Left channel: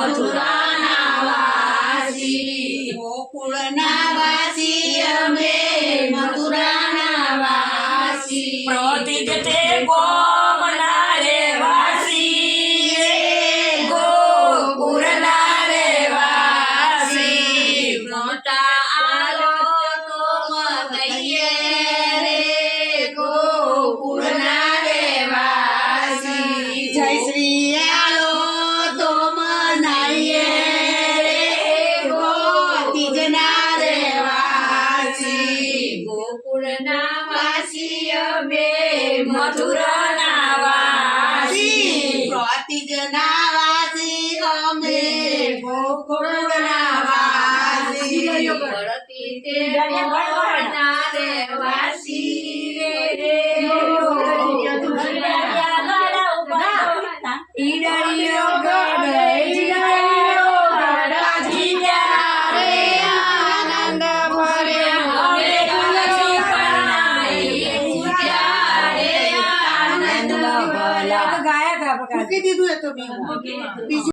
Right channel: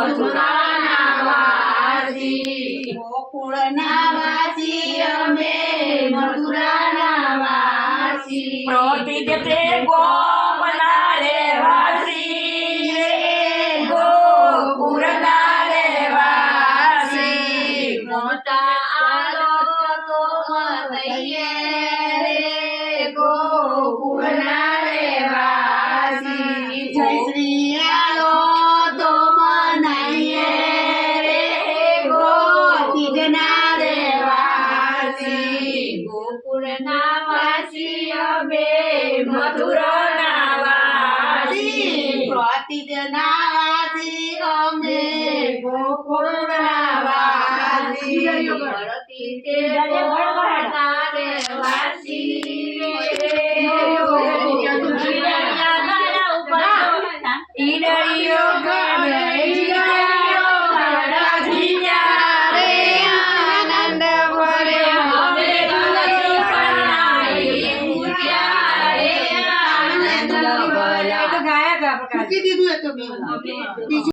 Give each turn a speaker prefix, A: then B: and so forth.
A: મથુરાના વાસી ગોકુળના વાસી અમે મથુરાના વાસી
B: પ્રતિજ તે ગોમના રે વાસી રે
A: ગોકુળના રે વાસી મોટા આલો તો મતઈએ વાસી ગોકુળના વાસી અમે વાસી. પ્રતિજના વાસી અમે ગોકુળના વાસી. તે ગોકુળના રે વાસી રે. ઈડળીઓ ભર્યો
C: મૂકી દીધું એ તો મેં.